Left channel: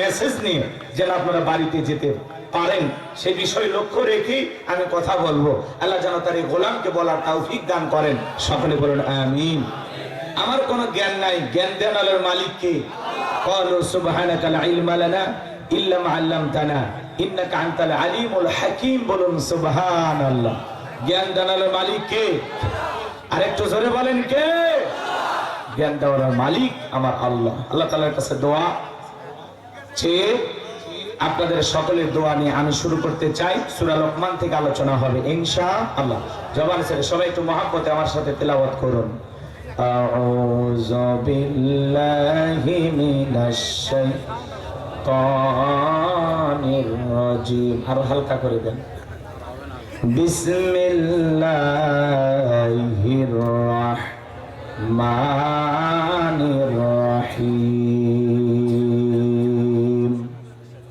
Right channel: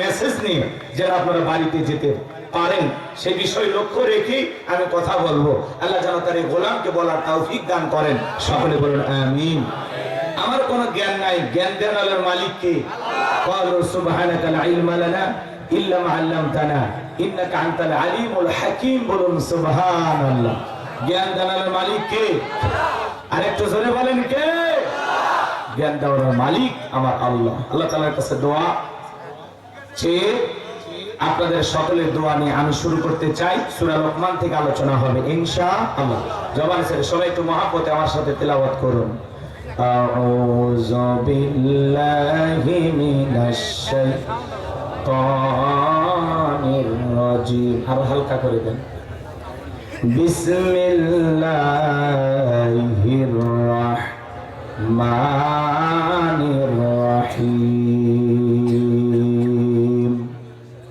Message নিয়ে যেন আপনারা বাড়িতে যেতে পারেন সেই বিষয় লক্ষ্য রেখে আমি কথা বলবো। আল্লাহ যেন তার এই গোলামকে বলার তৌফিক দান করেন। সকলে বলুন আমিন। আমার কোনো জ্ঞান নাই, জ্ঞান দেন আল্লাহর মালিক কে। ক্বালু সুবহানাকা লা ইলমা লানা ইল্লা মা আল্লামতানা ইন্নাকা আনতাল আলিমুল হাকীম। বলুন সুবহানাল্লাহ। জ্ঞান দেন আল্লাহর মালিক কে? আরেকটু জোরে বলেন কে? জ্ঞান দেওয়ার মালিক আমার আল্লাহ। আল্লাহ তাআলার কাছে দোয়া চেয়ে আপনাদের সকলের দোয়া নিয়ে আমি শুরু করতে চাই। সূরা লোকমান থেকে আলোচনা হবে ইনশাআল্লাহ। জবান ছেড়ে সবাই একটু মহব্বতে আমার সাথে তেলাওয়াত করুন। আউযু বিল্লাহি মিনাশ শাইতানির রাজিম। আরো হালকা করে দেন। বিসমিল্লাহির রাহমানির রাহিম।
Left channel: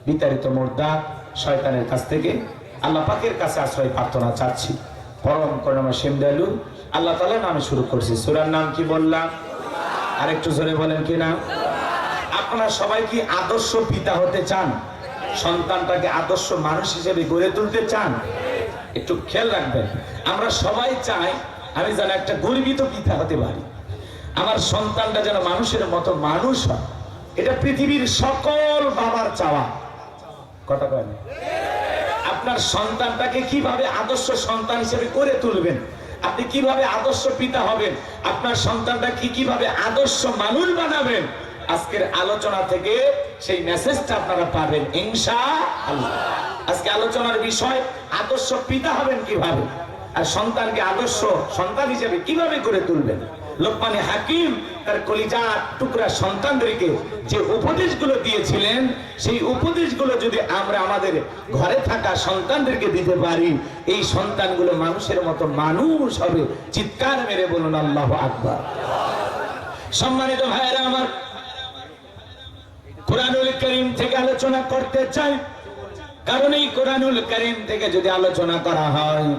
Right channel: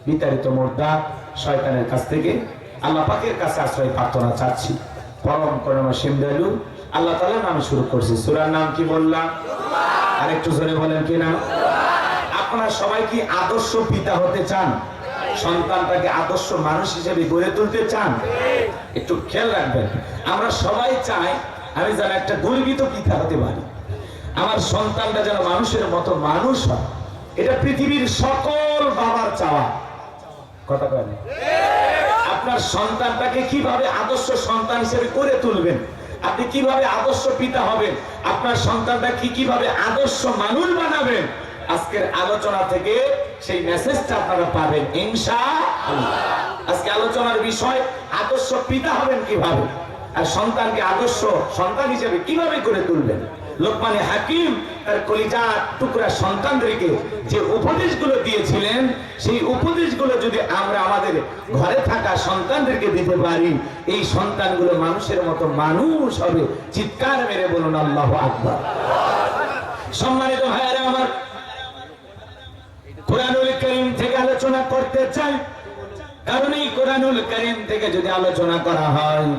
বিতাড়িত মুর্দা শয়তানের কাছ থেকে আল্লাহ পাকের কাছে আশ্রয় প্রার্থনা চাচ্ছি। পরম করুণাময় দয়ালু আল্লাহ তাআলার নামে শুরু করছি। সূরার নাম কি বললাম? আরেকটু জোরে বলেন কি নাম? আপনারা সবাই কি আদর্শ পিতা হতে চান? সন্তানটাকে আদর্শ মানুষ হিসেবে গড়ে তুলতে চান? একটু খেয়াল রাখবেন। আমরা সবাই চাই আমি যেন একটা গর্বিত পিতা হতে পারি, আমার সন্তানটা যেন মানুষের মতো মানুষ হয়। এটা পৃথিবীর সকল বাবার চাওয়া। কথা বলেন। আপনার সন্তানটাকে কিভাবে আদর্শ সন্তান হিসেবে গড়ে তুলবেন, আপনি কিভাবে আদর্শ পিতা হবেন, আপনার সন্তানটা কিভাবে আদর্শ মানুষ বানাবেন, আজকের আলোচনা থেকে সেই মেসেজটা আপনারা পাবেন ইনশাআল্লাহ। আজকে আলোচনার বিষয় আদর্শ পিতা হবেন কিভাবে, আর সন্তানকে আদর্শ সন্তান হিসেবে কিভাবে গড়ে তুলবেন। লোকমানে হাকিম তার কলিজার টুকরা সন্তানদেরকে যে উপদেশগুলো দিয়েছিলেন, সেই উপদেশগুলো যদি আমরা আমাদের ঘরে থাকা সন্তানদেরকে দিতে পারি, এই সন্তানগুলো মানুষের মতো মানুষ হবে। চিৎকার মেরে বলুন আল্লাহু আকবার। সম্মানিত ভাইয়েরা আমার, কোরআনুল কারীম থেকে আলোচনা করতে চাই, কারণ এই কোরআনুল কারীম থেকে যদি আলোচনা করা হয়,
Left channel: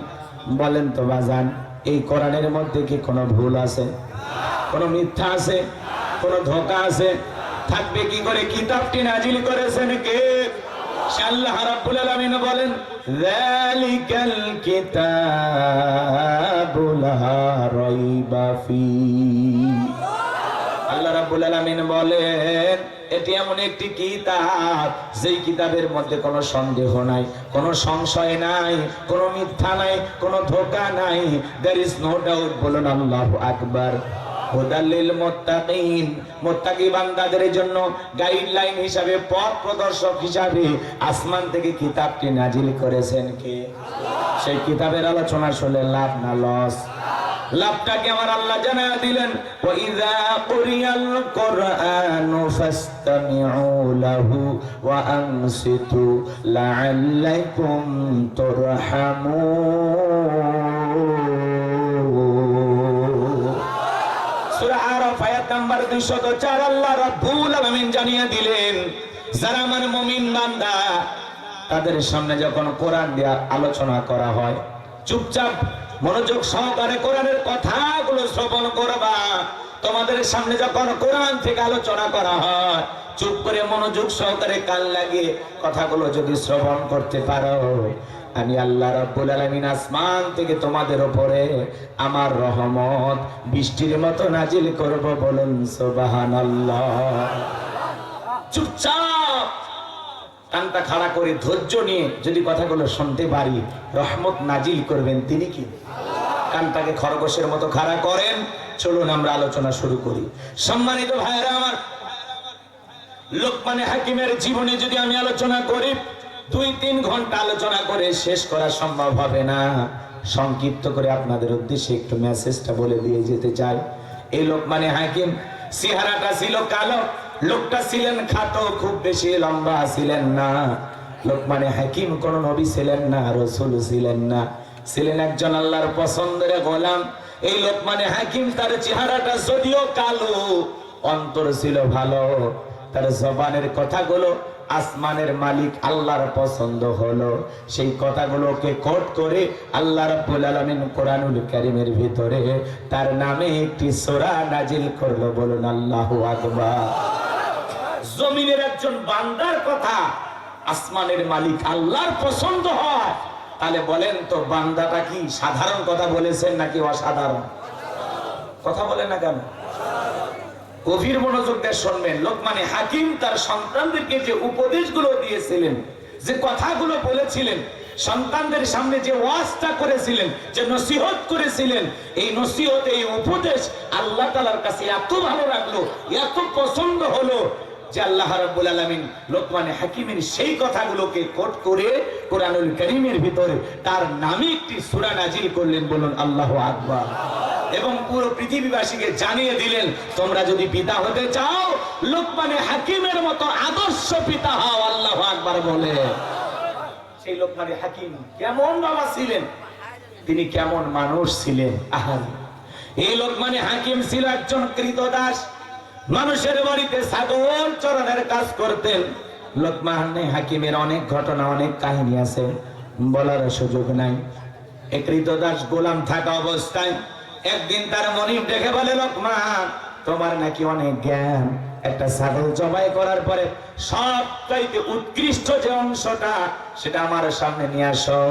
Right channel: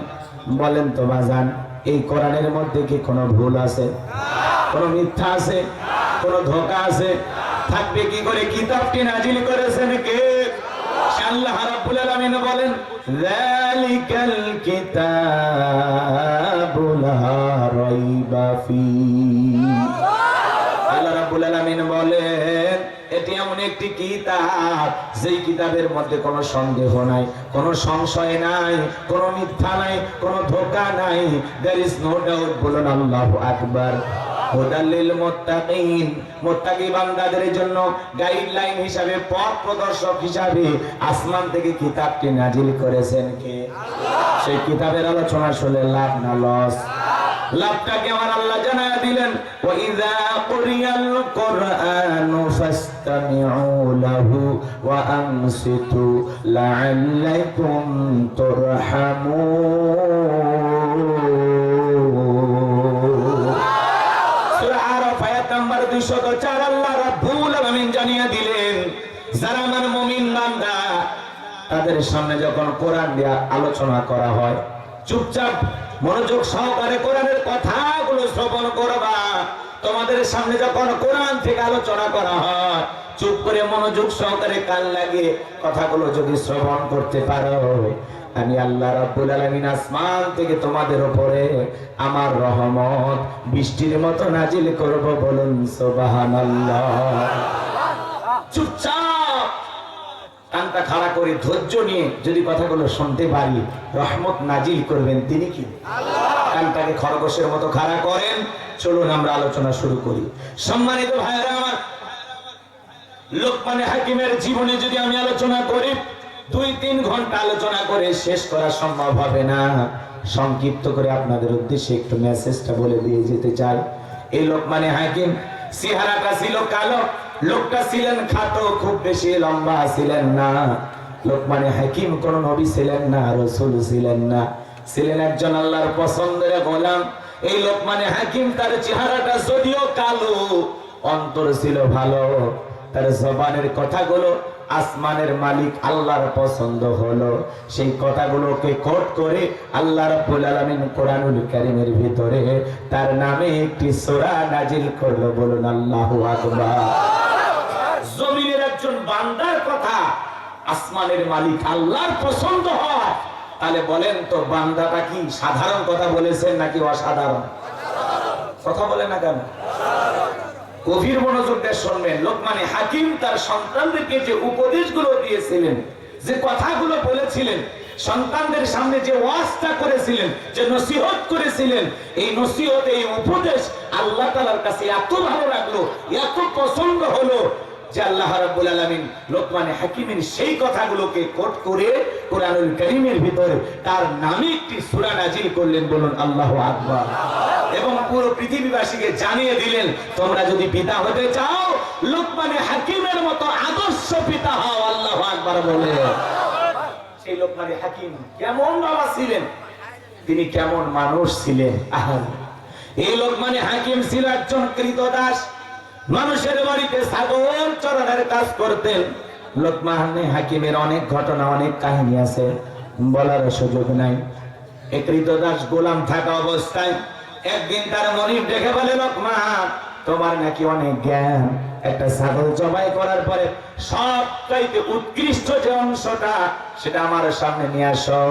বলেন তো বাজান, এই কোরআনের মধ্যে কি কোনো ভুল আছে, কোনো মিথ্যা আছে, কোনো ধোঁকা আছে? থাকবে কি করে? কিতাবটি নাজিল করেছেন কে? আল্লাহ রাব্বুল আলামিন বলেন, যালিকাল কিতাবু লা রাইবা ফীহি। আল্লাহ রাব্বুল আলামিন বলেন, এটি এমন একটি কিতাব যেই কিতাবের মধ্যে কোনো সন্দেহ নাই, কোনো সংশয় নাই, কোনো মিথ্যা নাই, কোনো ধোঁকা নাই। there is no doubt। বলুন আল্লাহু আকবার। হুদাল লিল মুত্তাকিন, মুত্তাকি বান্দাদের জন্য গাইডলাইন হিসাবে, পথ প্রদর্শক হিসাবে আসমান থেকে কিতাবটি নাজিল করেছেন কে? সেই কিতাবের আলোচনা শুনলে লাভ না লস? লাভটাকে আমার আল্লাহ জানায়া দিলেন, ওয়া ইযা কুরিয়াল কুরআনু ফাসতামিউ লাহু ওয়া আনসিতু লাআল্লাকুম তুরহামুন। সূরা আরাফ আয়াত নাম্বার 204 আল্লাহ রাব্বুল আলামিন জানিয়ে দিলেন, যারা আমার মুমিন বান্দা, তাদের সামনে যখন কোরআন দিয়ে আলোচনা করা হয়, চুপচাপ মনোযোগ সহকারে কোরআনের কথাগুলো শ্রবণ করবা। তোমাদের সামনে যখন কোরআন থেকে আলোচনা করা হয়, চুপ করে মনোযোগ সহকারে কান লাগিয়ে কথাগুলো যদি শ্রবণ করতে পারো, আমি আল্লাহ রাব্বুল আলামিন আসমান থেকে তোমাদের উপরে আমার রহমত বৃষ্টির মতো নাজিল করব। বলুন সুবহানাল্লাহ। চুপচাপ কানটা খাড়া করে ধৈর্য নিয়ে যদি কথাগুলো শুনতে পারি, রহমত নাজিল করবেন তিনি কি? কানটাকে খরগোশের মতো খাড়া করেন। চলুন আমরা আলোচনা শুরু করি। সম্মানিত ভাইরা আমার, লোকমানে হাকিমের জীবনে যদি আমি আলোচনা করি, 2-3 ঘন্টা আলোচনা করে শেষ করা সম্ভব হবে না। সংক্ষিপ্ত করে আপনাদের উদ্দেশ্যে একটু মেসেজটা বলে দিয়ে যেতে চাই। এই লোকমানে হাকিম চেহারাটা ছিল কালো, লোকটা ছিলেন খাটো, খুব বেশি লম্বা ছিলেন না। লোকমানে হাকিম কোন নবী ছিলেন না, রাসূল ছিলেন না, ছিলেন একজন আল্লাহর পছন্দের গোলাম। এই লোকমানে হাকিম তার চেহারাটা যদিও কালো, অন্তর ছিল ভালো। তার জবানের কথাগুলো আসমানের মালিক আল্লাহর পছন্দ হলো। সেই কথাগুলোকে কোট করে আল্লাহ রাব্বুল আলামিন কোরআনুল কারীমের ভিতরে তার নামে একটি সূরা নাজিল করলো। বলুন আল্লাহু আকবার। জমিনের একজন বান্দার কথা আসমানের মালিক আল্লাহর পছন্দ হয়, তাহলে বলেন তো বান্দাটা কি সাধারণ কথা বলেছেন নাকি অসাধারণ কথা? বলে না কেন? গভীর মনোযোগ দিয়ে শুনবেন। লোকমানে হাকিম তার সন্তানদেরকে যে উপদেশগুলো দিয়েছিলেন, যে কথাগুলো বলেছিলেন, সন্তানদের সামনে যে ওয়াজটা করেছিলেন, যে নসিহত করেছিলেন, এই নসিহত, এই উপদেশ আল্লাহ তাআলার কাছে এত ভালো লাগলো, এত পছন্দ হলো যে আল্লাহ রাব্বুল আলামিন লোকমানে হাকিমের সেই কথাগুলোকে কোট করে কোরআনুল কারীমের ভিতরে তার নামে একটি সূরা নাজিল করলেন। বলুন আল্লাহু আকবার। এবং পুরো পৃথিবীবাসীকে জানিয়ে দিলেন, তোমরা যদি পিতা হতে চাও লোকমানে হাকিমের মতো আদর্শ পিতা হও। আল্লাহু আকবার বলে। সেই লোকমানে হাকিম কেমন বাবা ছিলেন, তিনি কেমন মানুষ ছিলেন। এই লোকমানে হাকিম ছিল একজন কৃতদাস, মানুষের বাড়িতে ছাগল চরানোর কাজ করতেন। লোকমানে হাকিমের অনেক ঘটনা, অনেক কাহিনী আছে, বলার সুযোগ নাই। এই কৃতদাস গোলাম থাকা অবস্থায় একদিন তার মনিব ডেকে বলে, লোকমান তোমার নাকি অনেক জ্ঞান, একটা ছাগল জবাই করার পরে সবচাইতে উৎকৃষ্ট যে অংশটা সেটা আমার সামনে নিয়ে আসো।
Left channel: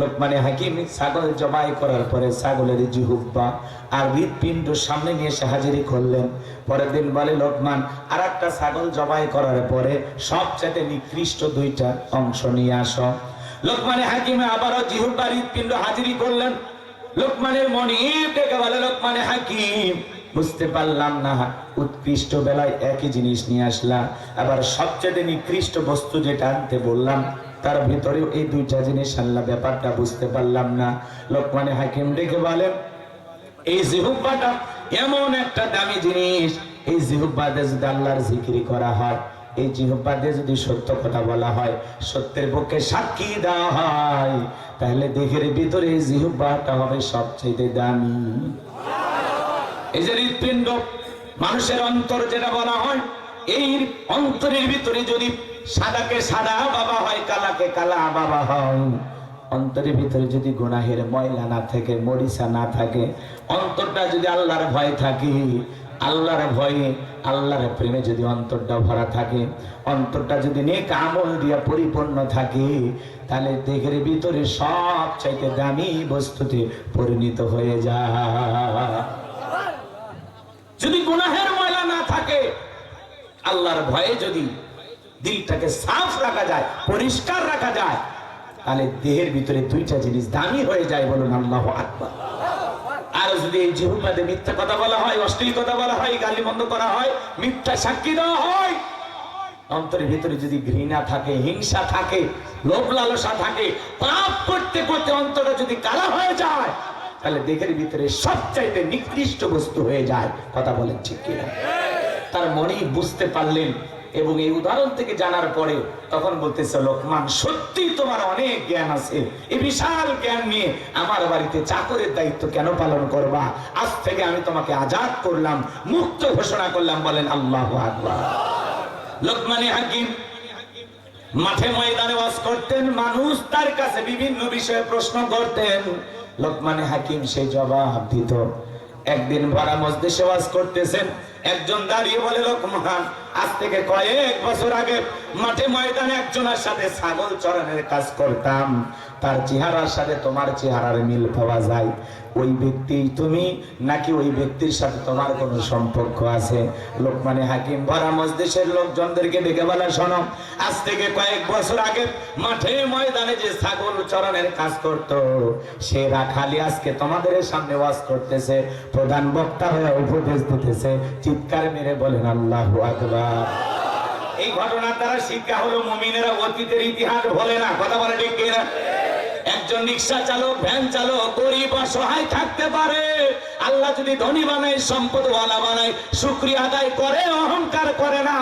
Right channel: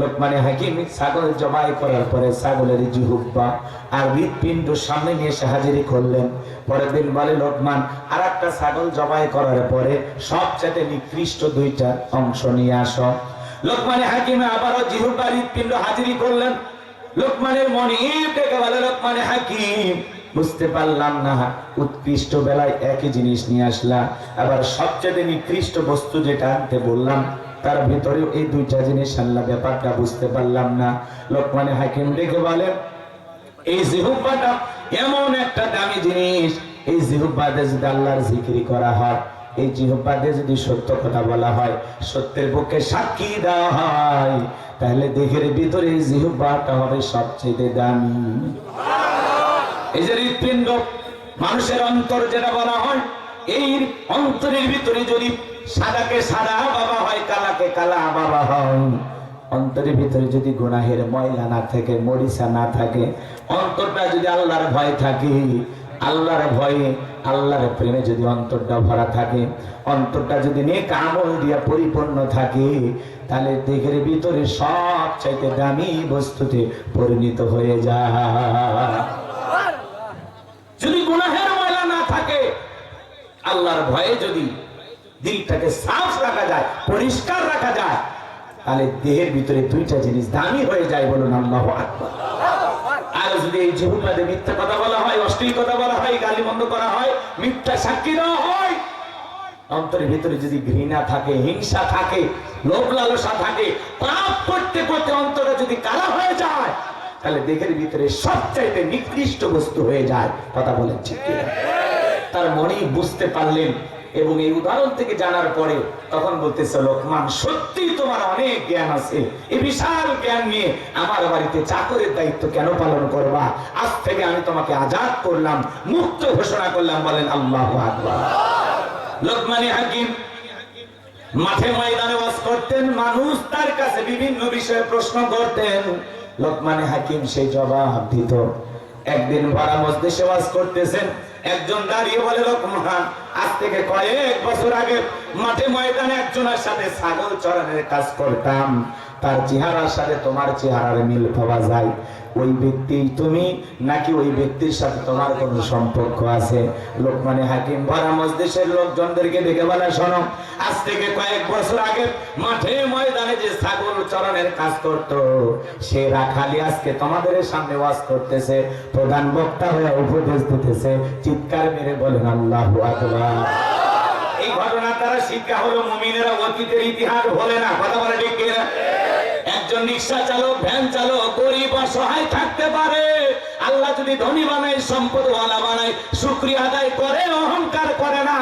লোকমানে হাকিম ছাগল জবাই করার পরে ছাগলের জিহ্বা আর হৃৎপিণ্ড সামনে নিয়ে এসে হাজিরি করলেন। পরের দিন বলে, লোকমান আর একটা ছাগল জবাই করার পরে সবচেয়ে নিকৃষ্ট দুইটা অংশ নিয়ে আসো। লোকমানে হাকিম আবারও জিহ্বা হৃৎপিণ্ড হাজিরি করলেন। লোকমানের মনিব ডেকে বলে, লোকমানে হাকিম বুঝতে পারলাম না, উৎকৃষ্ট বেলায় একই জিনিস নিয়ে আসলা, আবার সবচেয়ে নিকৃষ্ট বস্তু যেটা আনতে বললাম তার ভিতরে এই দুইটা জিনিস আনলা, ব্যাপারটা বুঝতে পারলাম না। লোকমানে হাকিম ডেকে বলেন, এই জিহ্বাটা এমন একটা দামি জিনিস, এই জিহ্বাতে যদি আল্লাহর জিকির করা হয়, এই জিহ্বাতে যদি সত্য কথা বলা হয়, সত্যের পক্ষে সাক্ষী দেওয়া হয়, তাহলে দেহের ভিতরে এই জিহ্বাটা হবে সবচেয়ে দামি। এই যে হৃৎপিণ্ড, মানুষের অন্তর যেটা বলা হয়, এই অন্তরের ভিতরে যদি সাদাকে সাদা বাবা হয়, কালাকে কালা বাবা হয়, অন্তরের ভিতরে যদি গুনাহের ময়লা না থাকে, মরিচা না থাকে, অন্তরটা যদি আল্লাহর ভয় থাকে, আল্লাহর ভয়ে আল্লাহর প্রেমে যদি অন্তরটা ভরা থাকে, অন্তরটা যদি নেক আমল দিয়ে পরিপূর্ণ থাকে, তাহলে দেহের ভিতরে সবচাইতে দামি বস্তুতে পরিণত হয়ে যায়। যদি গুনাহের ময়লা না থাকে, আল্লাহর ভয়ে যদি দিলটাকে সাফ রাখা যায়, পরিষ্কার রাখা যায়, তাহলে দেহের ভিতরে দুইটা জিনিস দামি হয়ে যায়। বলুন আল্লাহু আকবার। আর যদি এই জিহ্বাতে মিথ্যা কথা বলা হয়, অশ্লীল কথা বলা হয়, গালিমন্দ করা হয়, মিথ্যা সাক্ষী দেওয়া হয়, অন্তরের ভিতরে যদি ঘৃণা থাকে, হিংসা থাকে, লোভ লালসা থাকে, পাপ করতে করতে অন্তরে যদি কালা হয়ে যায়, তাহলে দেহের ভিতরে সবচাইতে নিকৃষ্ট বস্তু হয়ে যায়। কথা বলেন ঠিক কিনা? তার মনেই বুঝতে পারলেন এবং এই উদাহরণ থেকে জানার পরে তখন বলতেছে, লোকমান সত্যি তোমার অনেক জ্ঞান আছে, এই বিশাল জ্ঞান নিয়ে আমার বাড়িতে চাকরের দায়িত্ব কেন পালন করবা? আজ থেকে আমি তোমাকে আজাদ করলাম, মুক্ত ঘোষণা করলাম। বলেন আল্লাহু আকবার। লোকমানে হাকিম মাঠে ময়দানে ওয়াজ করতেন, মানুষ তার কাছে বিভিন্ন বিষয়ে প্রশ্ন করতেন, লোকমানে হাকিম সেই জবাব দিত। একদিন ভরা মজলিসে ওয়াজ করতেছেন, একজন দাঁড়িয়ে বলে, লোকমান আজ থেকে কয়েক বছর আগে মাঠে ময়দানে একজনের সাথে ছাগল চরানোর কাজ করতাম, তার চেহারার সাথে তোমার চেহারার মিল পাওয়া যায়, ওই ব্যক্তি তুমি নাকি ওই ব্যক্তির সাথে তোমার কোনো সম্পর্ক আছে? লোকমানে হাকিম ভরা মজলিসের লোকজনদেরকে ডেকে বলে, শোনো, আজ থেকে কয়েক বছর আগে মাঠে ময়দানে যে ছাগল চরানোর কাজ করত, সে রাখালি আজকে তোমাদের সামনে ওয়াজ করতেছে, প্রধান বক্তা হয়ে উপদেশ দিতেছে। চিৎকার মেরে বলেন আল্লাহু আকবার। এই ঘটনার দ্বারা শিক্ষা হলো, মুমিনেরা অতীতের ইতিহাস ভোলে না। কথা বলে ঠিক কিনা? একজন রিক্সা চালক, ভ্যান চালক গরিব অসহায় থাকতে পারে, আল্লাহ যদি ধনী বানায়, সম্পদওয়ালা বানায়, শুকরিয়া আদায় করে, অহংকার করে না।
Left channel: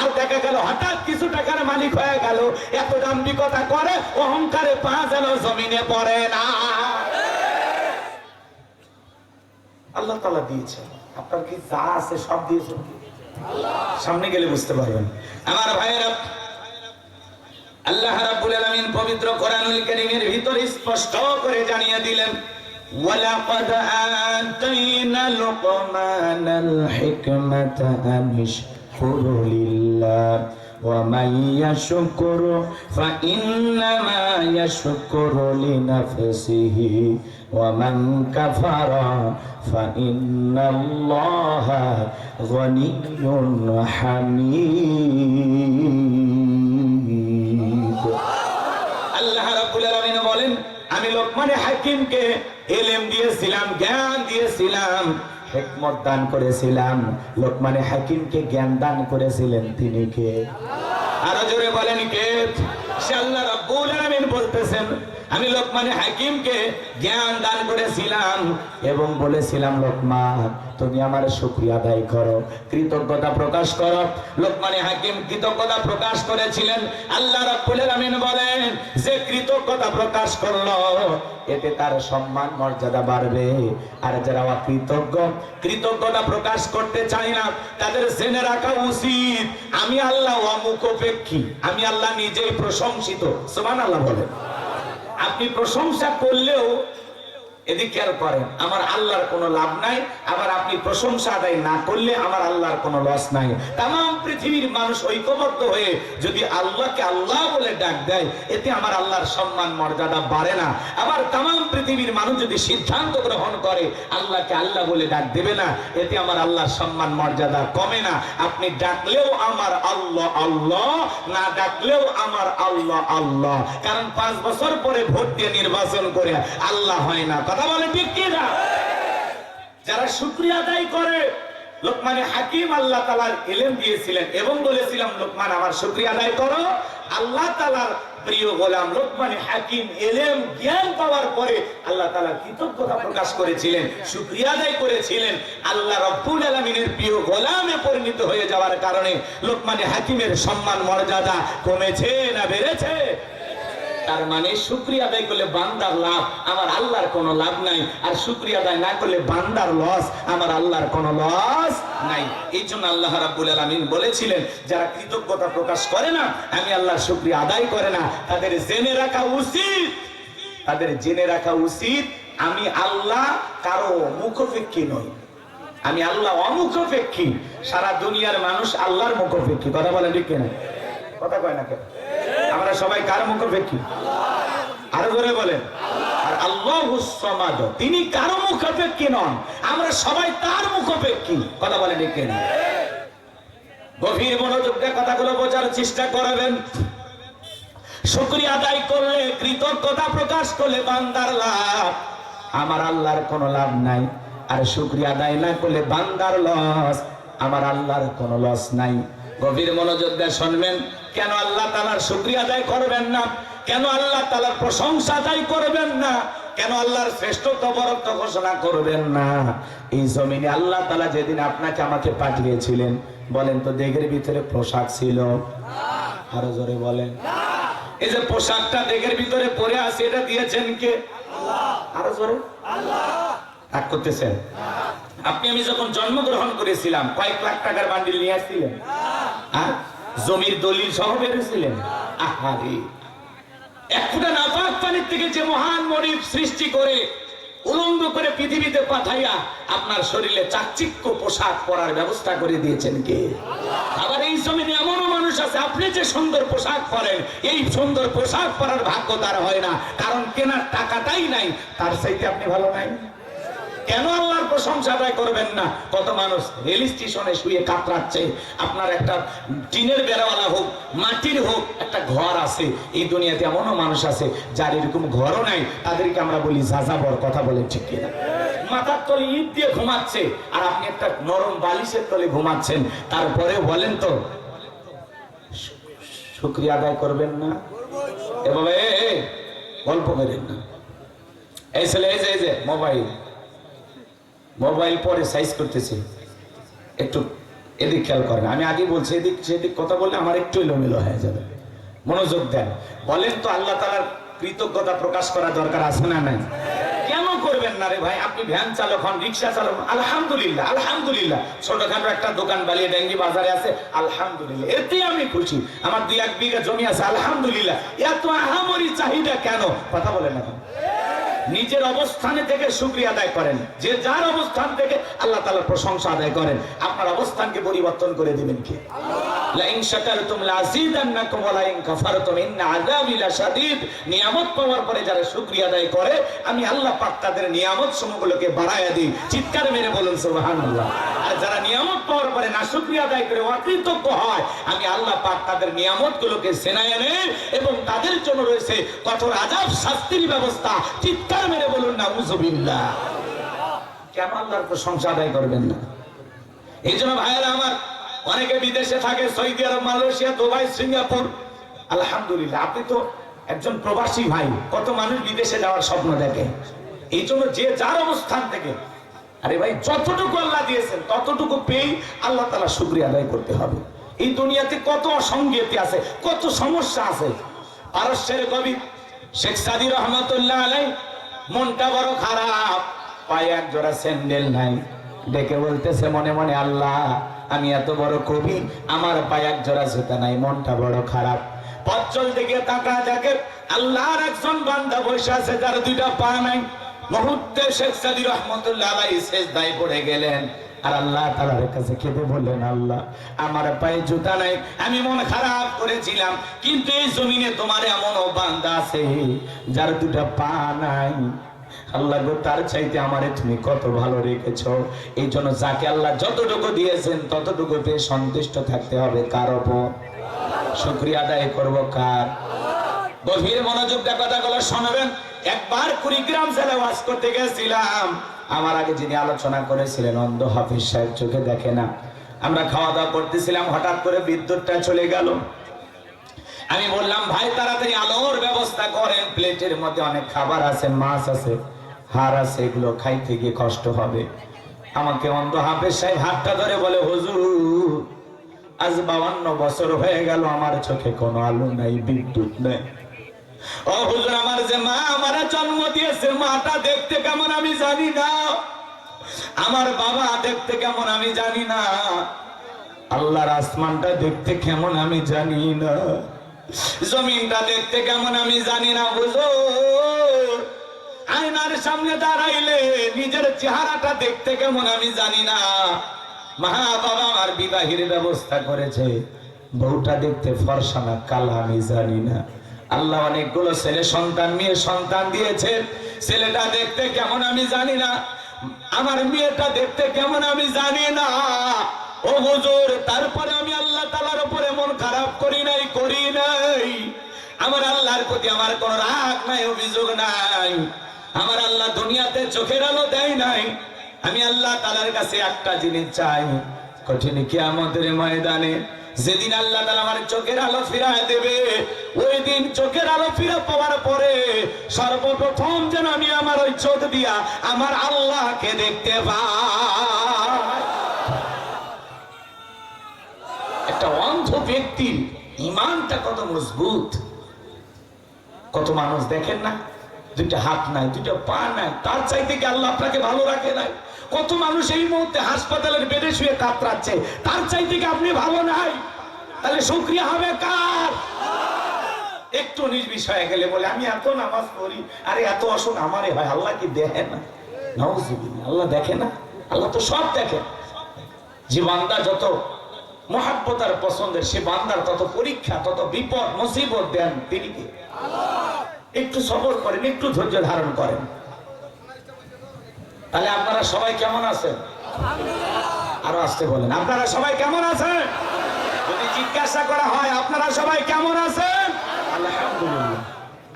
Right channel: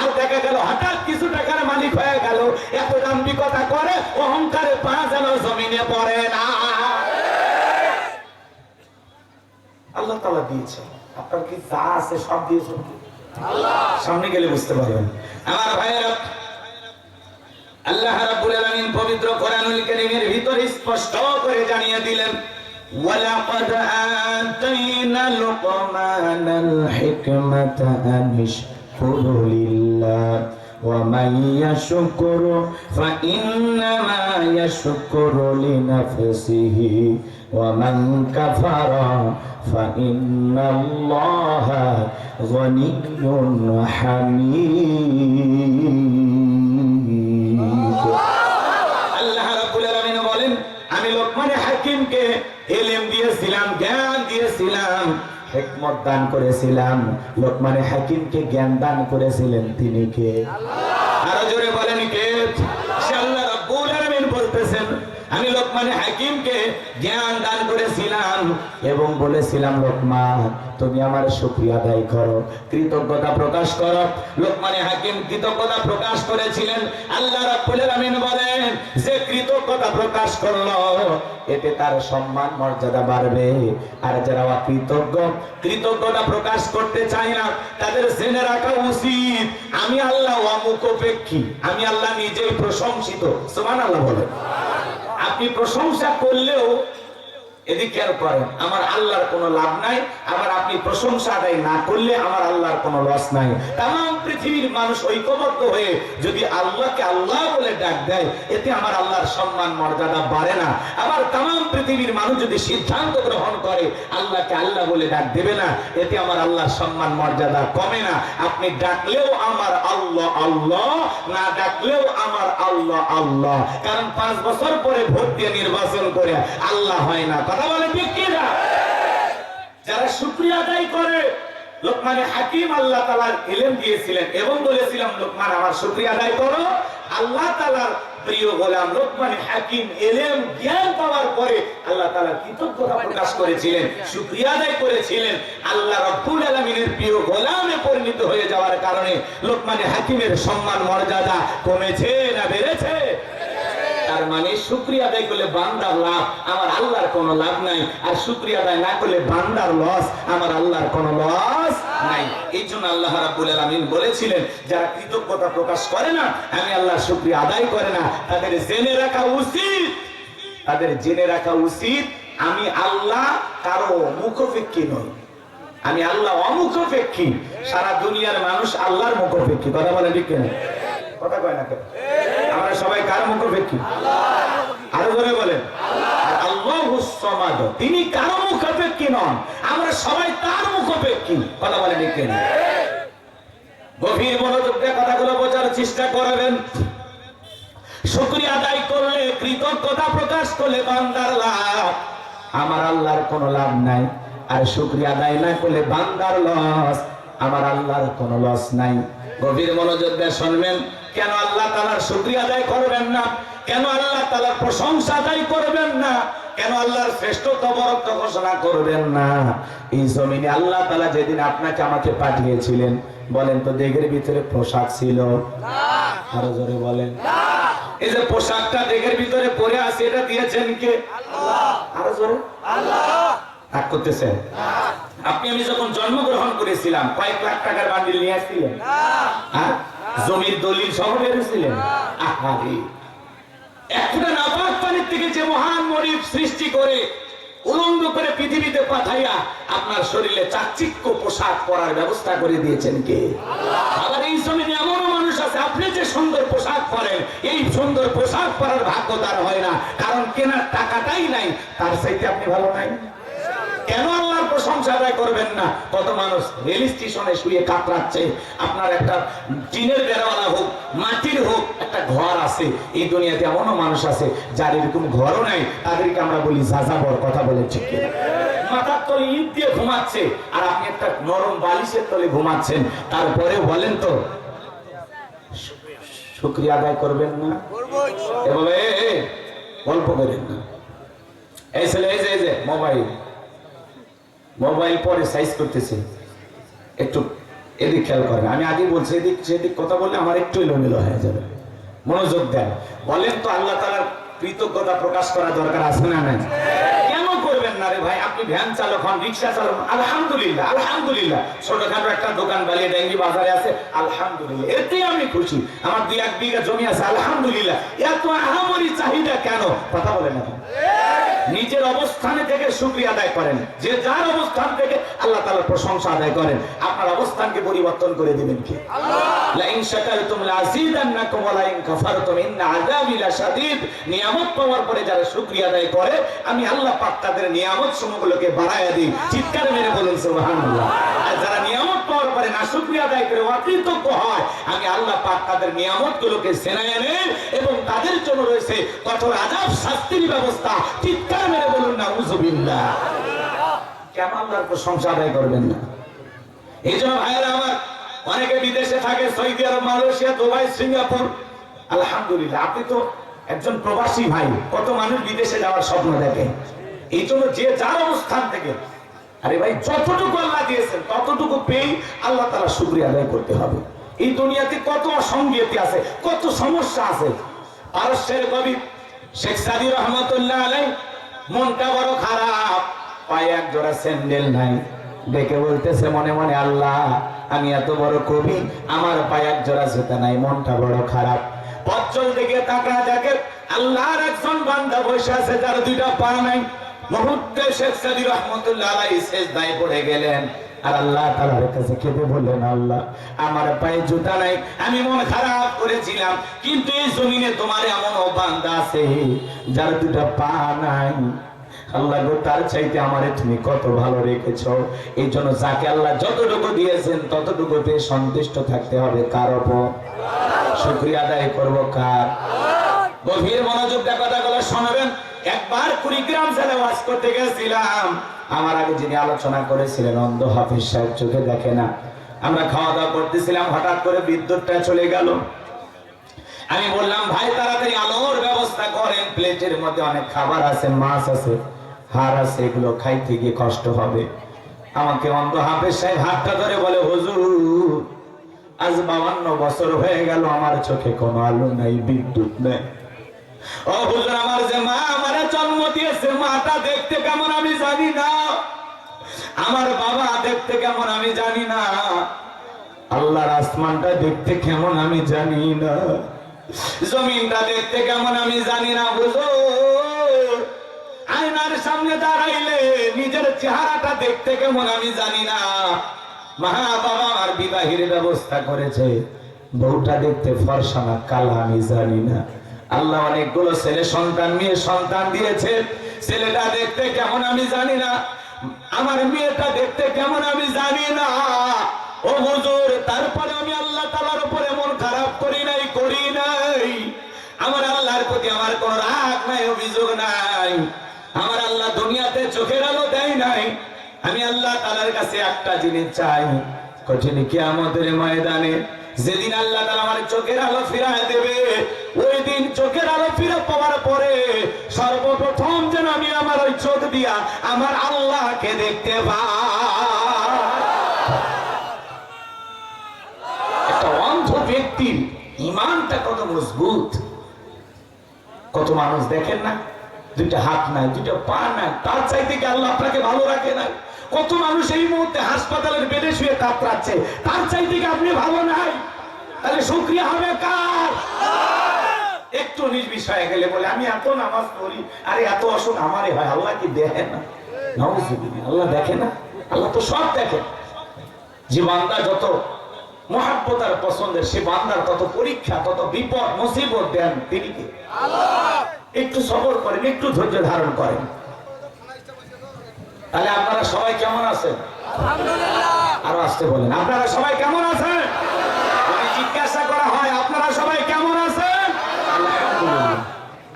আর দেখা গেল হঠাৎ কিছু টাকার মালিক হয়ে গেল, এত দাম্ভিকতা করে, অহংকারে পা যেন জমিনে পড়ে না। আল্লাহ তাআলা দিয়েছে, আপনার কি যা আছে সব দিয়েছেন আল্লাহ। সামনে গেলে বুঝতে পারবেন। আমার ভাইয়েরা, আল্লাহ রাব্বুল আলামিন পবিত্র কোরআনুল কারীমের ভিতরে স্পষ্ট করে জানিয়ে দিলেন, ওয়ালাকাদ আতাইনা লুকমানাল হিকমাতা আনিশকুরু লিল্লাহ ومن يشكر فإنما يشكر لنفسه ومن كفر فإن الله غني حميد আল্লাহ রাব্বুল আলামিন বলেন আমি লোকমান হাকিমকে ইলম দিয়েছিলাম, জ্ঞান দিয়েছিলাম, হিকমত দান করেছিলাম। লোকমান হাকিমকে জ্ঞান দান করেছিলেন তিনি কে? আরো জোরে বলেন কে? আল্লাহ রাব্বুল আলামিন বলতেছেন আমি লোকমান হাকিমকে জ্ঞান দান করেছিলাম এবং বলেছিলাম লোকমান তুমি আমার শুকরিয়া আদায় করো, কৃতজ্ঞতা প্রকাশ করো। লোকমান হাকিম কৃতজ্ঞতা প্রকাশ করেছিলেন। আল্লাহ রাব্বুল আলামিন বলেন যে কৃতজ্ঞতা প্রকাশ করলো এতে তার সম্মান মর্যাদা বাড়বে। আর যারা অকৃতজ্ঞ, কৃতজ্ঞতা প্রকাশ করতে চায় না, তাদের জেনে রাখা উচিত আমি আল্লাহ অমুখাপেক্ষী, আমি আল্লাহ নিজেই প্রশংসিত। সুবহানাল্লাহ বলেন। আপনি প্রশংসা করলেও এদিকে খেয়াল করেন আমার আল্লাহর কোনো লাভ নাই, আবার আপনি প্রশংসা আদায় না করলে আমার আল্লাহর কোনো লস নাই। তাম পৃথিবীর মানুষ ঐক্যবদ্ধ হয়ে যদি আল্লাহকে আল্লাহ বলে ডাক দেয় এতে আমার আল্লাহর সম্মান মর্যাদা বাড়ে না। আবার তাম পৃথিবীর মানুষ যদি সিদ্ধান্ত গ্রহণ করে আল্লাহকে আল্লাহ বলে ডাক দেবে না এতে আমার আল্লাহর সম্মান মর্যাদা কমে না। আপনি ডাকলেও আমার আল্লাহ আল্লাহ, না ডাকলেও আমার আল্লাহ আল্লাহ। কারণ 5 বছর পরে ভোট দিয়ে নির্বাচন করে আল্লাহ হয় না। কথা বলে ঠিক কি না? যারা শুকরিয়া আদায় করে, লোকমান হাকিম আল্লাহ তাআলার ইলম দিয়েছিলেন এবং বলেছিলাম লোকমান আমার শুকরিয়া আদায় করো। আল্লাহ তাআলার প্রিয় গোলাম লোকমান হাকিম ইলম জ্ঞান পাওয়ার পরে আল্লাহ তাআলা কৃতজ্ঞতা প্রকাশ করেছিলেন, শুকরিয়া আদায় করেছিলেন। আল্লাহ রাব্বুল আলামিনের প্রিয় গোলামে পরিণত হয়ে যাওয়ার কারণে লোকমান হাকিমের সম্মান মর্যাদা কমেছে না বেড়েছে? তার মানে শুকরিয়া আদায় করলে বান্দার লাভ, আমার আল্লাহর কোনো লাভ নাই। আর শুকরিয়া আদায় না করলে বান্দার লস, আমার আল্লাহর কোনো লস নাই। এই জন্য আল্লাহ রাব্বুল আলামিন বলেছিলেন যারা কৃতজ্ঞতা প্রকাশ করে না, আমি আল্লাহর শুকরিয়া আদায় করে না, তাদের জেনে রাখা উচিত, তাদের জেনে রাখা উচিত আমি আল্লাহ কারো মুখাপেক্ষী নই, আমি আল্লাহ অমুখাপেক্ষী। সারা দুনিয়ার মানুষ আল্লাহর মুখাপেক্ষী। কথা বলে ঠিক কিনা? কথা কয় না কেন? আমরা সবাই কার মুখাপেক্ষী? আরো জোরে বলেন। আর আল্লাহুস সামাদ, তিনি কারো মুখাপেক্ষী নন, আমরা সবাই তার মুখাপেক্ষী। কথা বলে ঠিক কিনা? গভীর মনোযোগ দিয়ে কথাগুলো বোঝার চেষ্টা করবেন। শুকরিয়া আদায় করলে, কৃতজ্ঞতা প্রকাশ করলে বান্দার লাভ, আমার আল্লাহর কোনো লাভ নাই। আর শুকরিয়া আদায় না করলে বান্দার লস, আমার আল্লাহর কোনো লস নাই। গভীর মনোযোগ দিয়ে শুনবেন। কেন আল্লাহ তাআলার শুকরিয়া আদায় করবেন না? কেন আল্লাহ তাআলার প্রশংসা আদায় করবেন না? কেন আল্লাহর শ্রেষ্ঠত্ব বরত্ব ঘোষণা করবেন না? এই জমিনে আল্লাহ তাআলা যেদিন আপনাকে আমাকে পাঠিয়েছিলেন, বলেন তো দেহের ভিতরে পোশাক ছিল? আরো জোরে বলেন। এই যে পোশাকটা দেহের ভিতরে পরে আছে এটা দিয়েছেন কে? আল্লাহ। আরো জোরে। আল্লাহ। রাগ করতেছেন? আপনি আমি যখন জন্মগ্রহণ করেছিলাম কয়েক লাখ টাকার বান্ডিল নিয়ে আসছিলেন? আর জমির দলিল সহ বেরিয়েছিলেন? আহারে, একটা নাপাক পানির থেকে যে মহান মনিব সৃষ্টি করে উলঙ্গ করে পৃথিবীতে পাঠাইয়া আপনার শরীরে চাকচিক্য পোশাক পরার ব্যবস্থা করে দিয়েছেন কে? আবার এই জমিনে এমনও মানুষ আছে আপনি যে সুন্দর পোশাক পরেন এই সুন্দর পোশাক পরার ভাগ্য তার হয় না, কারণ কেনার টাকাটাই নাই। তার চাইতে আপনি ভালো নাই। কেন আল্লাহর প্রশংসা আদায় করবেন না? কত মানুষ রেল স্টেশনে শুয়ে কাতরাচ্ছে, আপনার একটা টিনের বেড়াওয়ালা হোক, মাটির হোক, একটা ঘর আছে। এই দুনিয়াতে এমনও মানুষ আছে যার এরকম ঘরও নাই, তাদেরকে আমরা বলি যাযাবর। কথা বলে ঠিক কিনা? মাথার তলে ইট দিয়ে ঘুমাচ্ছে আর আপনি একটা নরম বালিশের তলে ঘুমাচ্ছেন, তারপরেও বলেন তো শুকরিয়া আদায় করবেন না? এভাবে গল্প করেন না। এই ছেলে এই যে মোবাইল পরে সাইজ করতেছে, একটু এদিক খেয়াল করেন। আমি আগে বলছি এদিক সেদিক কথা বললে আমার একটু এলোমেলো হয়ে যাবে, মনোযোগ দেন। বলেন তো আল্লাহ তাআলার কৃতজ্ঞতা প্রকাশ করা দরকার আছে না নাই? কেন করবেন না রে ভাই? আপনি ভ্যান চালক হন, রিক্সা চালক, আলহামদুলিল্লাহ আলহামদুলিল্লাহ। ছোটখাটো একটা দোকান বালিয়ে ডেঙ্গি বাজারে আছে, আলহামদুলিল্লাহ, এতে আমি খুশি। আমার 2-1 বিঘা জমি আছে, আলহামদুলিল্লাহ। এত আহামরি চাহিদা কেন? কথা বলেন না। নিজের অবস্থানে থেকে শুকরিয়া আদায় করেন, যে যার অবস্থান থেকে আল্লাহ তাআলার প্রশংসা আদায় করেন। আপনার অবস্থানকে পরিবর্তন করে দিবেন কে? লা ইন শাকারতুম লাযীদান্নাকুম ওয়া লা ইন কাফারতুম ইন্না আযাবি লাশাদীদ। নিয়ামত পাওয়ার পরে যারা শুকরিয়া আদায় করে, আমি আল্লাহ পাক তাদের নিয়ামত সমূহগুলোকে বাড়ায়া দিই। চিৎকার মেরে বলুন সুবহানাল্লাহ। আর যারা নিয়ামত পাওয়ার পরে না শুকরিয়া আদায় করে অকৃতজ্ঞ হয়, আমি আল্লাহ পাক তাদের নিয়ামতগুলোকে ছিনাইয়া নেই এবং তাদের জন্য রয়েছে কঠোর আযাব, শাস্তির ব্যবস্থা। চিৎকার মেরে বলুন নাউযুবিল্লাহ। কেন আল্লাহর প্রশংসা আদায় করবেন না? এই জন্য ভাইয়েরা আমার, অনেকে বিদেশে থাকে, সৌদি আরব, মালয়েশিয়া, দুবাই, সিঙ্গাপুর। আলহামদুলিল্লাহ, আপনি তো একজন প্রবাসী ভাই। কত মানুষ বিদেশে যাওয়ার স্বপ্ন দেখে। এই জন্য যে যার অবস্থান থেকে, আরে ভাই, যতটুকু আল্লাহ দিয়েছেন ততটুকু পেয়ে আল্লাহ তাআলা শুকরিয়া আদায় করতে হবে। এই দুনিয়াতে কত অসঙ্গতি আছে, কত সমস্যা আছে। পারস্যের কবি শেখ সাদী রহমাতুল্লাহ আলাইহি, মনটা বড় খারাপ, পায়ে এক জোড়া স্যান্ডেল নাই, ডেকে বলতেছে মনে মনে, আল্লাহ আমি এত বড় কবি, আমার পায়ে এক জোড়া জুতা নাই, মনটা বড় খারাপ। পথচল দিকে তাকা দেখে আল্লাহর একজন বান্দা বসে আছে, যার দুইটা পা নাই। মুহূর্তে শেখ সাদী রহমাতুল্লাহ আলাইহি সিজদায় পড়ে গেলেন আর আল্লাহ তাআলার কাছে কেঁদে বললেন, আল্লাহ আমার পায়ে জুতা নাই, আমি মন খারাপ করেছিলাম, কিন্তু এই জমিনে তোমার এমন বান্দা আছে যার দুটা পা নাই। আল্লাহ গো, তার চাইতে আমারে তুমি কত ভালো রেখেছো। এই জন্য যাকে আল্লাহ যতটুকু দিয়েছেন ততটুকু পেয়ে সন্তুষ্ট থাকতে হবে। কার উপর? শুকরিয়া আদায় করবো কার? গভীর মনোযোগ দিয়ে কথাগুলো শুনবেন। একবার কুড়িগ্রাম জেলা ওয়াজ করতে গেছিলাম। আমার আগে যিনি আলোচনা করেছিলেন অন্ধ হাফিজ সাহেব, চোখে দেখে না। আমরা খাওয়া দাওয়া করতেছিলাম, হঠাৎ করে বিদ্যুৎটা চলে গেল। আমি বললাম, ভাই তাড়াতাড়ি আলোর ব্যবস্থা করেন, প্লেটের মধ্যে অনেক খাবার আছে, মাছ আছে, হাড় আছে, এগুলো খাইতে গিয়ে কষ্ট হবে। আমাকে অন্ধ হাফেজ সাহেব হাতটা ধরে বলে, হুজুর আজ 52 বছর হয়ে গেল, আমার চোখে কোনো আলো নাই, বিদ্যুৎ নেই। ও হুজুর, আমার যে মা আমারে জন্ম দিয়েছে, মাটা দেখতে কেমন আমি জানি না, আমার বাবা দেখতে কেমন আমি জানি না, আল্লাহর আসমানটা দেখতে কেমন আমি জানি না, জমিনটা দেখতে কেমন আমি জানি না। হুজুর, আয়নার সামনে দাঁড়াইলে নিজের চেহারাটা দেখতে কেমন আমি জানি না। মা বাবা আমার বিবাহের ব্যবস্থা করেছে, বউটা দেখতে ফর্সা না কালা আমি জানি না। আল্লাহ অনেকগুলো ছেলে সন্তান, মেয়ে সন্তান দিয়েছে, ছেলেটা দেখতে কেমন আমি জানি না, আমার মেয়েটা দেখতে কেমন আমি জানি না। ও হুজুর, তারপরে আমি আল্লাহ তাআলার উপর এমন খারাপ করি নাই। আমার আল্লাহর প্রতি আমার কোন রাগ নাই, অভিযোগ নাই। আমার আল্লাহ দুনিয়াতে চোখের আলো দেয় নাই। আমি আল্লাহ তাআলার কাছে একটা জিনিস চাই, কঠিন কিয়ামতের ময়দানে যেদিন আল্লাহ তাআলা আমার চোখের আলো ফিরিয়ে দেবে, ওই দিন চোখের আলো ফিরে পাওয়ার পরে সর্বপ্রথম যেন আমি আমার ওই চোখ দিয়া আমার আল্লাহকে দেখতে পাই। একটা অন্ধ ব্যক্তির ইমানটা কত মজবুত। কত মানুষ দেখেন না, দুইটা হাত নাই, দুইটা পা নাই, তার চাইতে কি আল্লাহ আপনাকে ভালো রাখে নাই? কত মানুষ এই মুহূর্তে হাসপাতালের বেডে শুয়ে কাতরাচ্ছে, তার চাইতে কি আপনি ভালো নাই? তাহলে শুকরিয়া হবে কার? একটু নির্বিষয়ে গেলে বলে আমি এত নামাজ পড়ি, আরে এত অসুখ আমারে হয়, আল্লাহ কি দেখে না? নাউযুবিল্লাহ, আল্লাহ দেখে না? আল্লাহ তো সব দেখে। যে বান্দা যত মহাব্বত আর পছন্দের, সে বান্দার তত পরীক্ষা, তত বিপদ মুসিবত দেন তিনি কে? আল্লাহ। একটু সবর করেন, একটু ধৈর্য ধারণ করেন। তাহলে আপনারা সবাই কেমন আছেন? আলহামদুলিল্লাহ। আরো আসতে বলেন, আপনারা সবাই কেমন আছেন? যদি জিজ্ঞাসা করা হয় আপনারা সবাই কেমন আছেন? আলহামদুলিল্লাহ।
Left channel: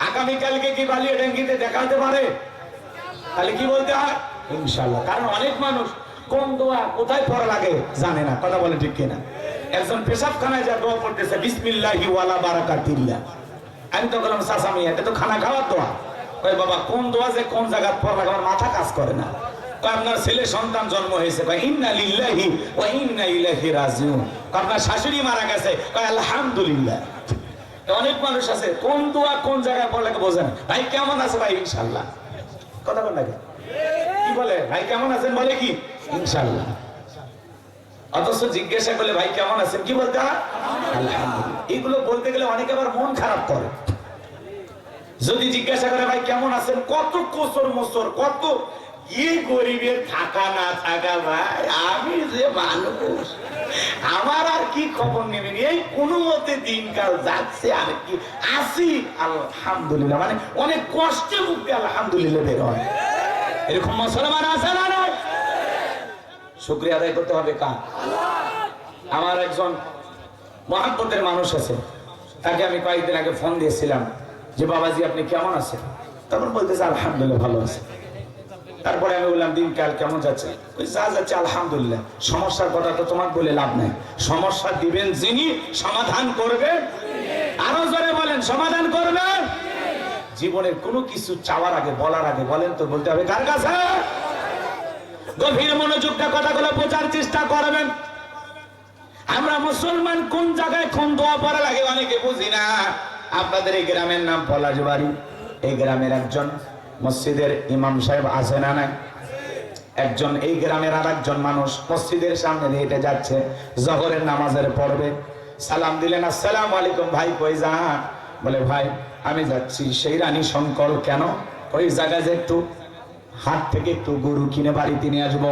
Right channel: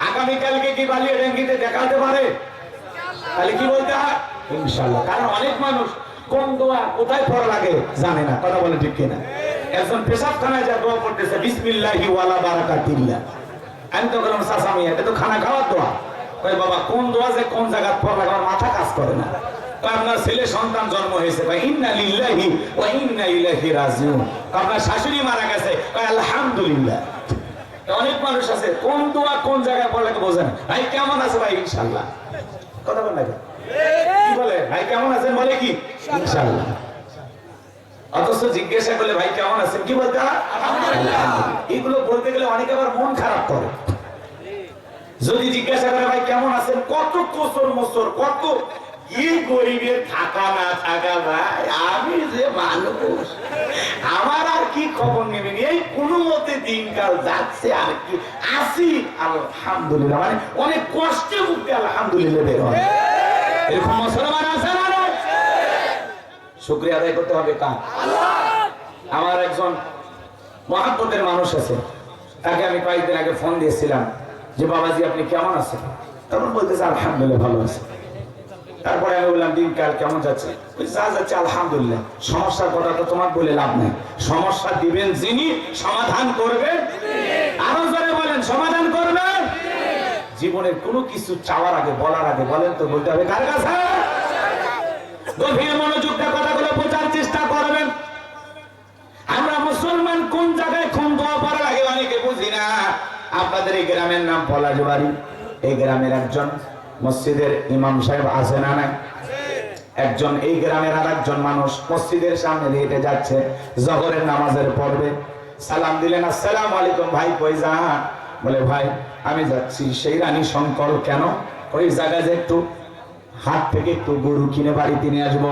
আগামীকালকে কি বালিয়াডাঙ্গিতে দেখাতে পারে? তাহলে কি বলতে হয়? ইনশাআল্লাহ। কারণ অনেক মানুষ কোন দোয়া কোথায় পড়া লাগে জানে না, কথা বলে ঠিক কিনা? একজন পেশাবখানায় যা দোয়া পড়তেছে, বিসমিল্লাহি ওয়ালা বারাকাতিল্লাহ। আমি তো বললাম, চাচা এটা তো খানা খাওয়ার দোয়া। কই বাবা, কোন দোয়া যে কোন জায়গায় পড়া লাগে আমার মাথা কাজ করে না। কই আপনার ছেলে সন্তান জন্ম হয়েছে, কই ইন্না লিল্লাহি ওয়া ইন্না ইলাইহি রাজিউন। আপনার শাশুড়ি মারা গেছে, কই আলহামদুলিল্লাহ। অনেক মানুষ আছে কোন দোয়া কোন জায়গায় পড়া লাগে বোঝে না। ভাই কেমন আছে? ভাই ইনশাআল্লাহ। কথা বল না, কি বলে? ভাই কেমন আছেন বলে কি? ইনশাআল্লাহ। অথচ জিজ্ঞাসা করলে ভাই কেমন আছেন, কি বলতে হয়? আলহামদুলিল্লাহ। এগুলো বলতে গেলে অনেকে আবার মন খারাপ করে যদি জিজ্ঞাসা করে ভাই কেমন আছেন, কত কোসর মোসর, কত এই গরিবের থাকা না থাকা, ভাই আমি যে মানুষ, আমার আর কি খবর নেবেন, এই কোনো মতে দিনকাল যাচ্ছে, আর কি আসি আলহামদুলিল্লাহ, মানে অনেক কষ্টে মুক্তি আলহামদুলিল্লাহ বের হয়। এরকম মুসলমান আছে না? শুকরিয়া আদায় করতে হবে কার? আমার একজন মহাব্বতের মানুষ আছে, তাকে আমি কয়েকদিন আগে ফোন দিয়েছিলাম যে বাবাজি আপনি কেমন আছেন, তখন বলতেছে আলহামদুলিল্লাহ ভালো আছে। তারপরে আমি বললাম দিনকাল কেমন যাচ্ছে, যা যাচ্ছে আলহামদুলিল্লাহ। সমস্যার কথা তো তোমার বলে লাভ নাই, সমস্যা দিবেন যিনি, সমাধান করবেন, আরো জোরে বলেন সমাধান করবেন। জীবনের কোনো কিছু চাওয়ার আগে, বলার আগে বলেন তো বলতে হবে কার কাছে? গভীর মনোযোগটা কথাগুলো বোঝার চেষ্টা করবেন। আমরা মুসলমান কোন জায়গায় কোন দোয়া পড়া লাগে অনেকে বুঝি না। আপনাদের এই গ্রামের নাম পলাশবাড়ি, এই গ্রামের একজন মসজিদের ইমাম সাহেব আছে না নাই? একজন এই গ্রামের আর একজন মানুষ মসজিদের সামনে দিয়ে হেঁটে যাচ্ছে, জহরের নামাজের পড়বে, সালাম দিলেন আসসালামু আলাইকুম, ভাই কই যান? বলে ভাই আমি যাচ্ছি সেই রানী শঙ্কর। কেন? ওই জায়গায় যে একটু হাট থেকে একটু গরু কিনে বাড়িতে নিয়ে আসবো।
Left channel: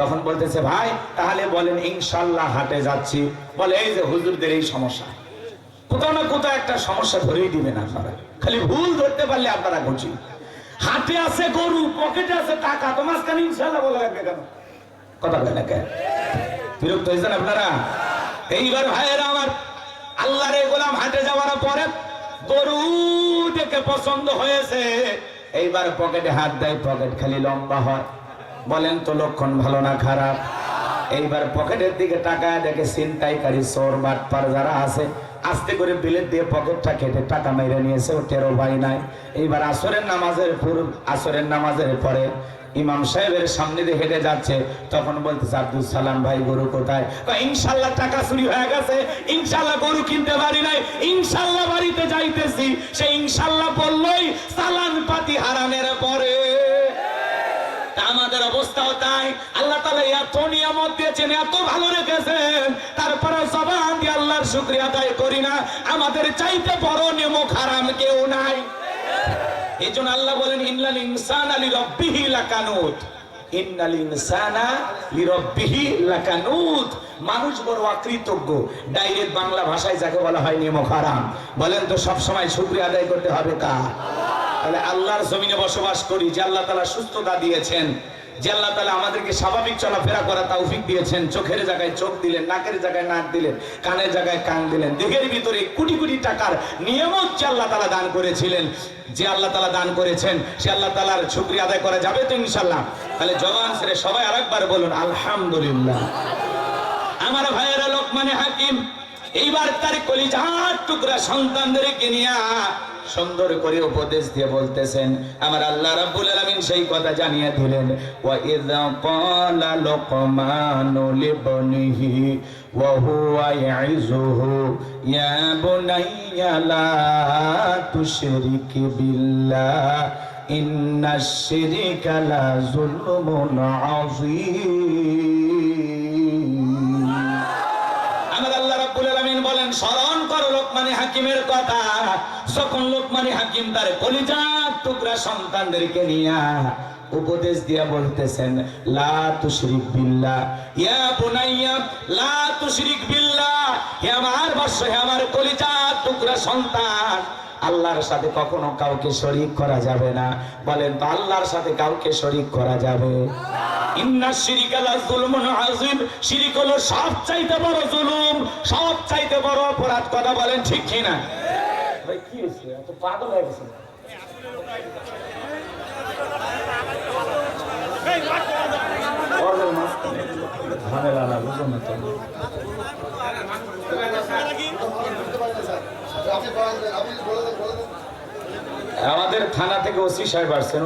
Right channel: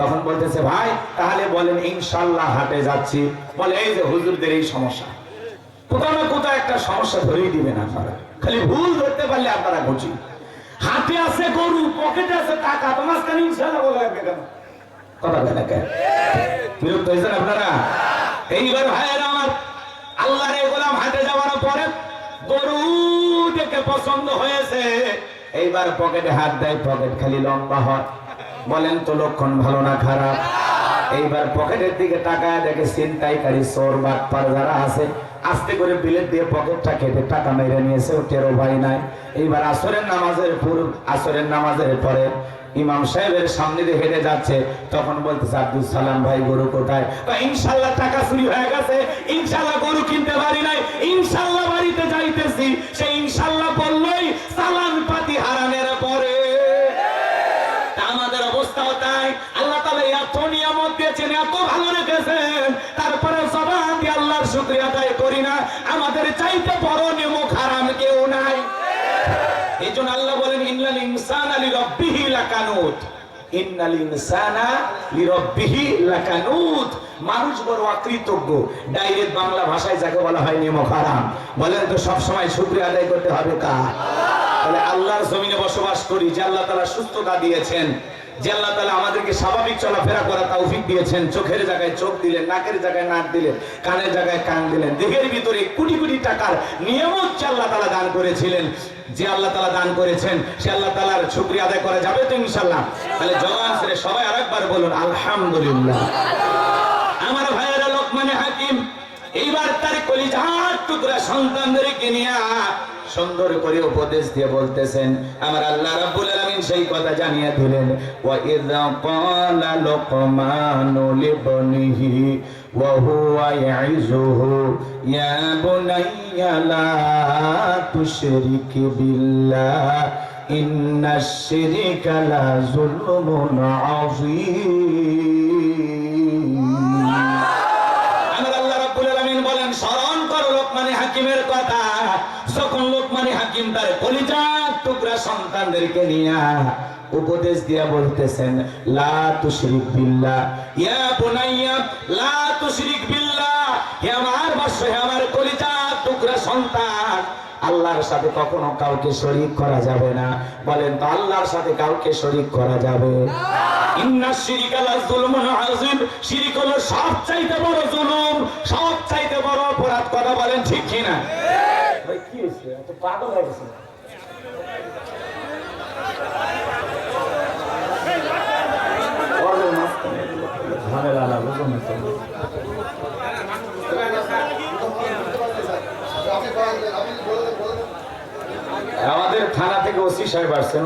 তখন বলতেছে ভাই তাহলে বলেন ইনশাল্লাহ হাটে যাচ্ছি। বলে এই যে হুজুরদের এই সমস্যা, কোথাও না কোথাও একটা সমস্যা ধরেই দিবেন আপনারা, খালি ভুল ধরতে পারলে আপনারা বুঝি। হাতে আছে গরু, পকেটে আছে টাকা, তো মাঝখানে ইনশাল্লাহ বলা লাগবে কেন? কথা বলে না কেন? বিরক্ত হয়েছেন আপনারা? এইবার ভাইয়েরা আমার, আল্লাহর গোলাম হাটে যাওয়ার পরে গরু দেখে পছন্দ হয়েছে, এইবার পকেটে হাত দেয়, পকেট খালি লম্বা হয়। বলেন তো লক্ষণ ভালো না খারাপ? এইবার পকেটের দিকে টাকা দেখে ছিনতাইকারী চোর বাটপার যারা আছে, আস্তে করে বিলেট দিয়ে পকেটটা কেটে টাকা মেরে নিয়েছে, ও টেরো ভাই নাই। এইবার আসরের নামাজের পরে ইমাম সাহেবের সামনে দিয়ে হেঁটে যাচ্ছে, তখন বলতেছে আব্দুল সালাম ভাই গরু কোথায়? ইনশাল্লাহ টাকা চুরি হয়ে গেছে, ইনশাল্লাহ গরু কিনতে পারি নাই, ইনশাল্লাহ বাড়িতে যাইতেছি। সে ইনশাল্লাহ বললই চালান পাতি হারানের পরে। আমাদের অবস্থাও তাই। আল্লাহ তাআলা এত নিয়ামত দিয়েছেন, এত ভালো রেখেছেন, তারপরে জবান দিয়ে আল্লাহর শুকরিয়া আদায় করি না। আমাদের চাইতে বড় নিয়ামত হারাম কেউ নাই। এইজন্য আল্লাহ বলেন ইন্নাল ইনসানা লিরাব্বিহি লাকানুত, ইন্নাল ইনসানা লিরাব্বিহি লাকানুত। মানুষ বড় অকৃতজ্ঞ। ডাইরেক্ট বাংলা ভাষায় যাকে বলা হয় নিয়ামত হারাম। বলেন তো সব সময় শুকরিয়া আদায় করতে হবে কার? তাহলে আল্লাহর জমিনে বসবাস করি, যে আল্লাহ তাআলা সুস্থতা দিয়েছেন, যে আল্লাহ তাআলা আমাদেরকে স্বাভাবিক চলাফেরা করা তৌফিক দিয়েছেন, চোখের জায়গায় চোখ দিলেন, নাকের জায়গায় নাক দিলেন, কানের জায়গায় কান দিলেন, দেহের ভিতরে কোটি কোটি টাকার নিয়ামত যে আল্লাহ তাআলা দান করেছিলেন, যে আল্লাহ তাআলা দান করেছেন, সে আল্লাহ তাআলার শুকরিয়া আদায় করা যাবে তো ইনশাআল্লাহ? তাহলে জবান ছেড়ে সবাই আরেকবার বলুন আলহামদুলিল্লাহ। আমার ভাইয়েরা লোকমানে হাকিম এইবার তার কলিজার টুকরা সন্তানদেরকে নিয়ে সুন্দর করে উপদেশ দিয়ে বলতেছেন, আমার আল্লাহ রাব্বুল আলামিন সেই কথা জানিয়ে দিলেন, ওয়া ইযা ক্বালা লুকমানু লিবনিহি ওয়া হুয়া ইয়াইযুহু ইয়া বুনাইয়া লা তুশরিক বিল্লাহ ইন্নাশ শিরকা লা যুলমুন আযীম। আমার আল্লাহ রাব্বুল আলামিন বলেন স্মরণ করো লোকমানে হাকিমের কথা। যখন লোকমানে হাকিম তার কলিজার টুকরা সন্তানদেরকে নিয়ে উপদেশ দিয়া বলতেছেন, লা তুশরিক বিল্লাহ ইয়া বুনাইয়া লা তুশরিক বিল্লাহ, হে আমার বৎস, হে আমার কলিজার টুকরা সন্তান, আল্লাহর সাথে কখনো কাউকে শরীক করা যাবে না। বলেন তো আল্লাহর সাথে কাউকে শরীক করা যাবে? ইন্নাশ শিরকা লা যুলমুন আযীম। শিরক হলো সবচাইতে বড় জুলুম, সবচাইতে বড় অপরাধ। কথা বলেন ঠিক কি না? ভাই কি হইছে? এত পাগল হয়ে গেছে। ঝামেলা না বুঝুন না। আমাদের থানা থেকে ওসি সাহেব আসছেন।